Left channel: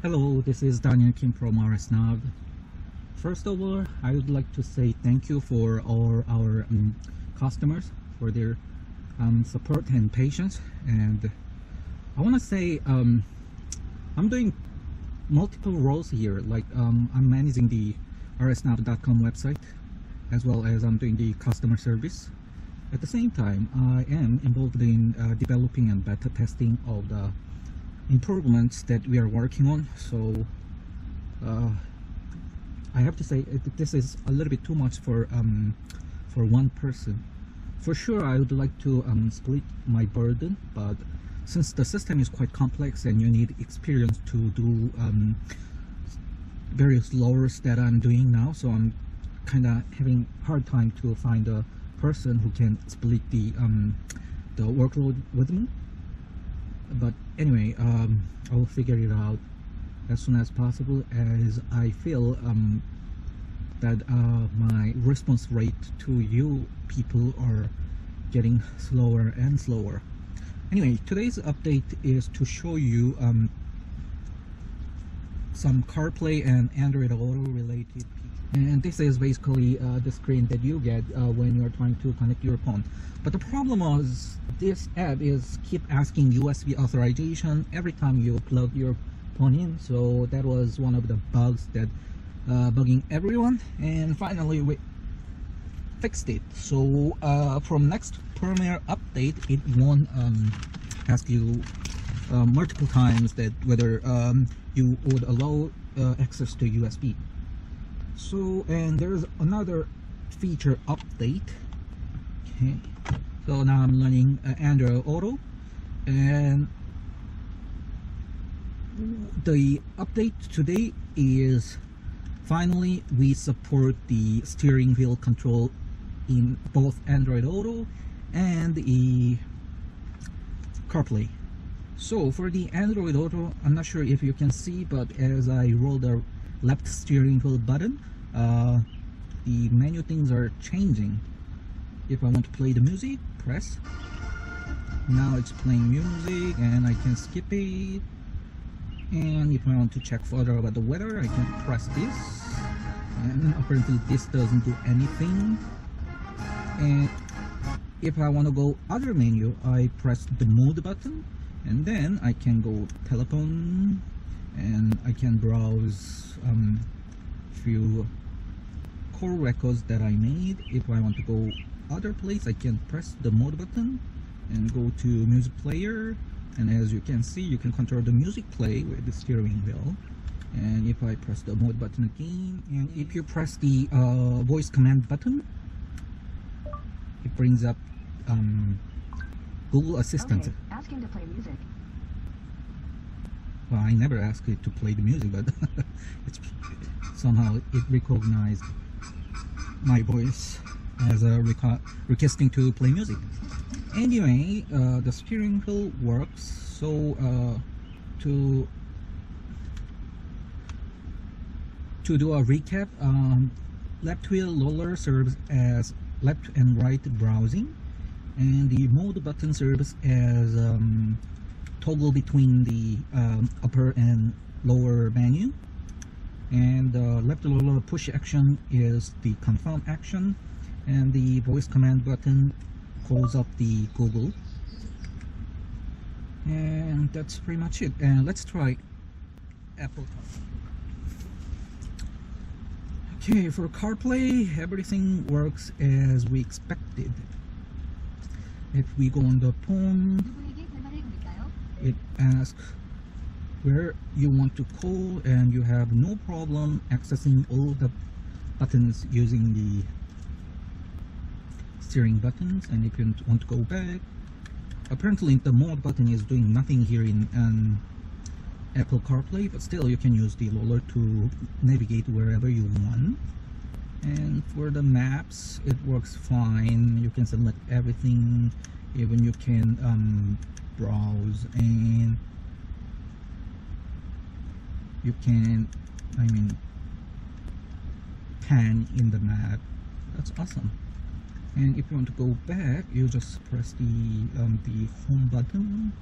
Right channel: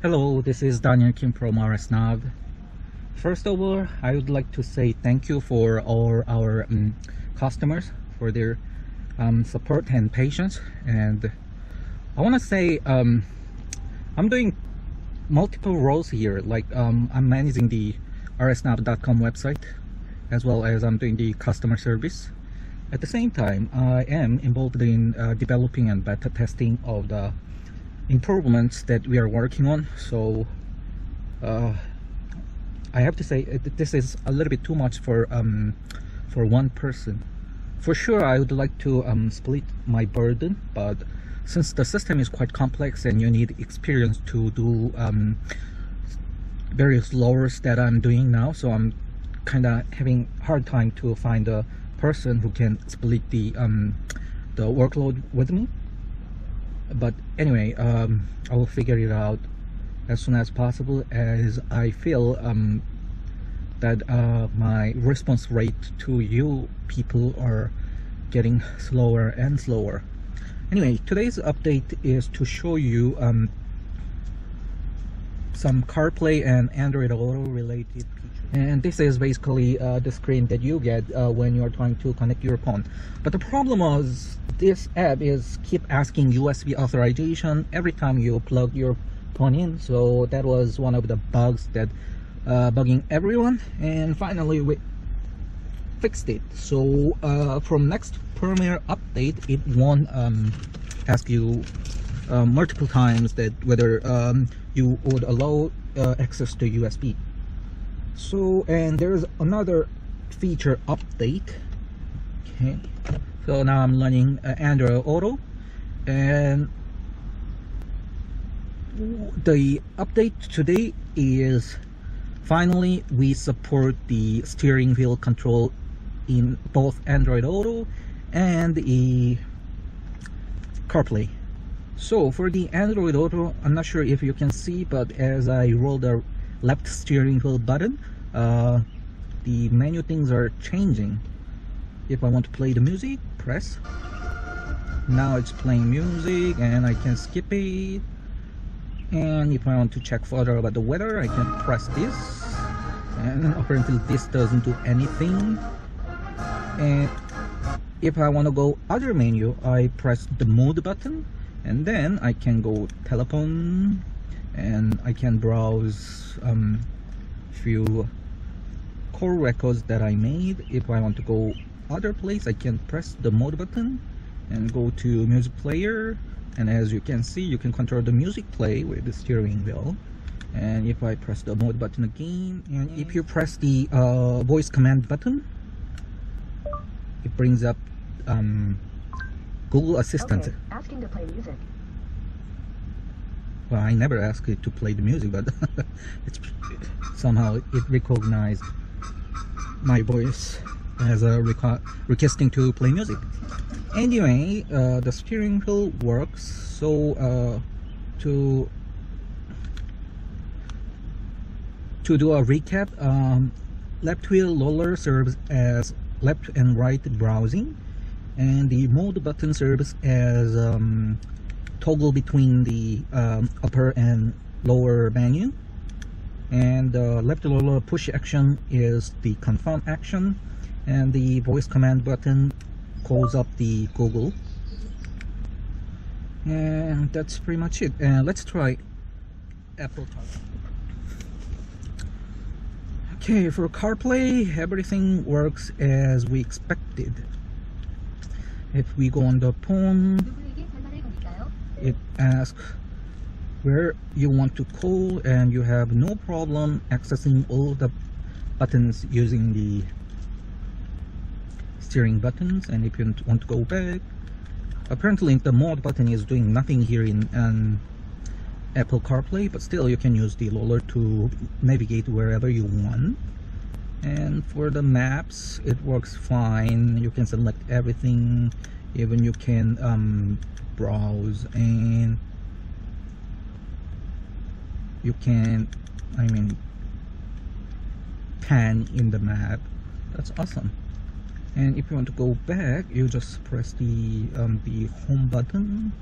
Hello, this is Daniel Kim from Rsnav. First of all, I would like to say thank you for all our customers for their support and patience. And I want to say I'm doing multiple roles here. Like I'm managing the rsnav.com website, as well as I'm doing the customer service. At the same time, I am involved in developing and beta testing of the improvements that we are working on. So I have to say this is a little bit too much for one person. For sure, I would like to split my burden, but since the system is quite complex and you need experience to do various lowers that I'm doing now, so I'm kind of having hard time to find a person who can split the workload with me. But anyway, I will figure it out as soon as possible, as I feel that my response rate to you people are getting slower and slower. Anyway, today's update is to show you some CarPlay and Android Auto related features. And this is basically the screen that you get when you're trying to connect your phone. But the problem was this app is keep asking USB authorization every time you plug your phone in. So that was one of the bugs that bugging everyone, and finally we fixed it. So from next firmware update, it won't ask you multiple times that whether you would allow access to USB. So, and there's another feature update. Okay, so now I'm learning Android Auto, and the update today is finally we support the steering wheel control in both Android Auto and the CarPlay. So for the Android Auto, I'm not sure if you can see, but as I roll the left steering wheel button, the menu things are changing. If I want to play the music, press. Now it's playing music and I can skip it. And if I want to check further about the weather, I can press this, and apparently this doesn't do anything. And if I want to go other menu, I press the mode button, and then I can go telephone, and I can browse few call records that I made. If I want to go other place, I can press the mode button and go to music player, and as you can see, you can control the music play with the steering wheel. And if I press the mode button again, and if you press the voice command button, it brings up Google Assistant. Okay, asking to play music. Well, I never asked it to play the music, but it's somehow it recognized my voice as a requesting to play music. Anyway, the steering wheel works. So to do a recap, left wheel roller serves as left and right browsing, and the mode button serves as toggle between the upper and lower menu, and left roller push action is the confirm action, and the voice command button calls up the Google. And that's pretty much it. And let's try Apple CarPlay. Okay, for CarPlay, everything works as we expected. If we go on the phone, it asks where you want to call, and you have no problem accessing all the buttons using the steering buttons. And if you want to go back, apparently the mode button is doing nothing here in Apple CarPlay, but still you can use the roller to navigate wherever you want. And for the maps, it works fine. You can select everything, even you can browse, and you can pan in the map. That's awesome. And if you want to go back, you just press the home button,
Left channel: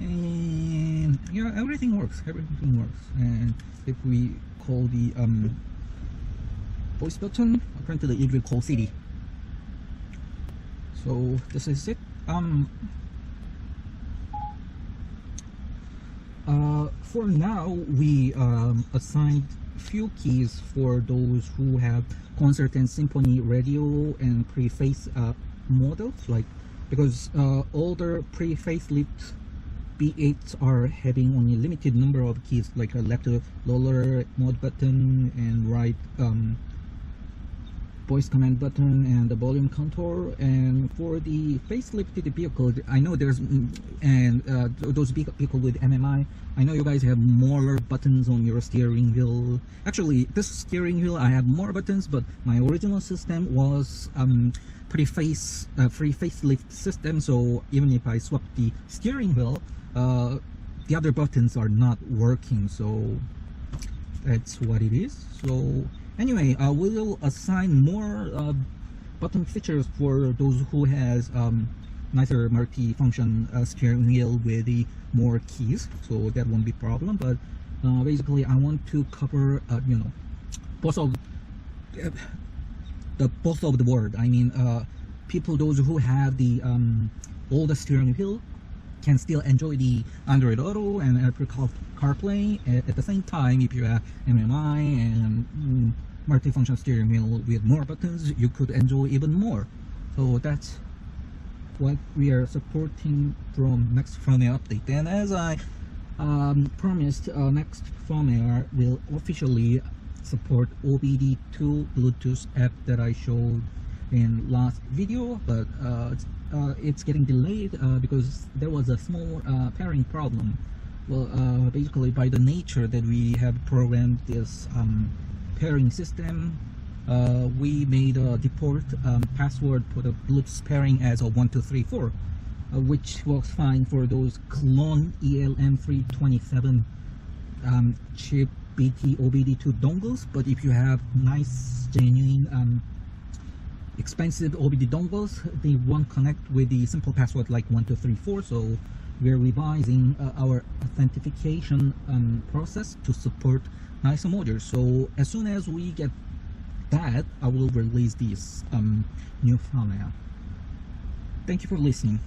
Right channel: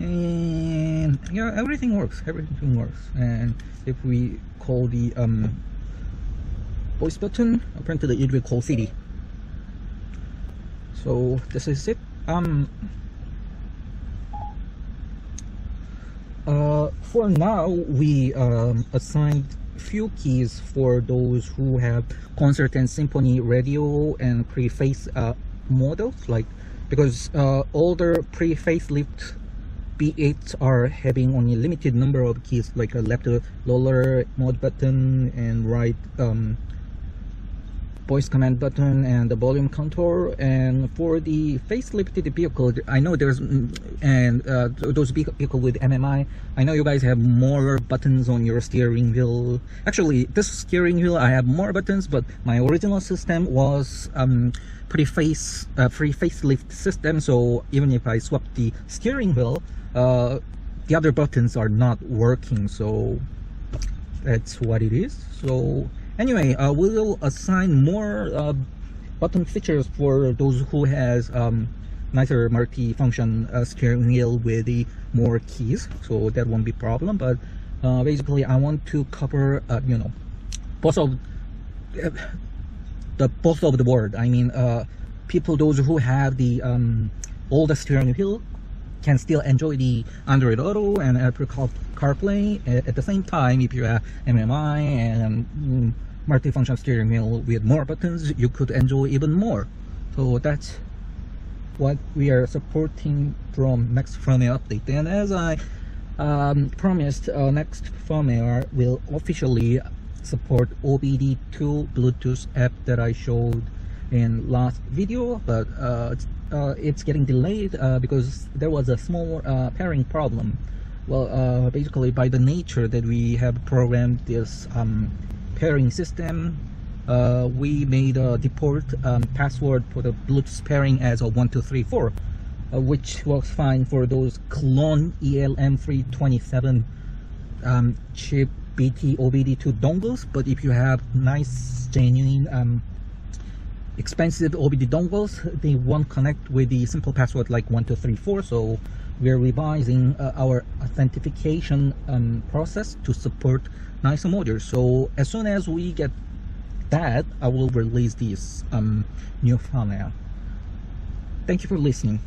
and yeah, everything works. And if we call the voice button, apparently it will call city. So this is it. For now, we assigned few keys for those who have concert and symphony radio and pre-face models, like because older pre-facelift B8s are having only limited number of keys, like a left lower mode button and right voice command button and the volume control. And for the facelifted vehicle, I know there's those vehicle with MMI, I know you guys have more buttons on your steering wheel. Actually, this steering wheel I have more buttons, but my original system was free facelift system, so even if I swap the steering wheel, the other buttons are not working, so that's what it is. So anyway, we will assign more button features for those who has nicer multi-function steering wheel with the more keys, so that won't be problem. But basically I want to cover you know, both of the world. I mean, people, those who have the older steering wheel can still enjoy the Android Auto and Apple CarPlay. At the same time, if you have MMI and multifunction steering wheel with more buttons, you could enjoy even more. So that's what we are supporting from next firmware update. And as I promised, next firmware will officially support OBD2 Bluetooth app that I showed in last video, but it's getting delayed because there was a small pairing problem. Well, basically by the nature that we have programmed this pairing system, we made a default password for the Bluetooth pairing as a 1234, which works fine for those clone ELM327 chip BT OBD2 dongles. But if you have nice, genuine, expensive OBD dongles, they won't connect with the simple password like 1234. So we're revising our authentication process to support nicer modules. So as soon as we get that, I will release this new firmware. Thank you for listening.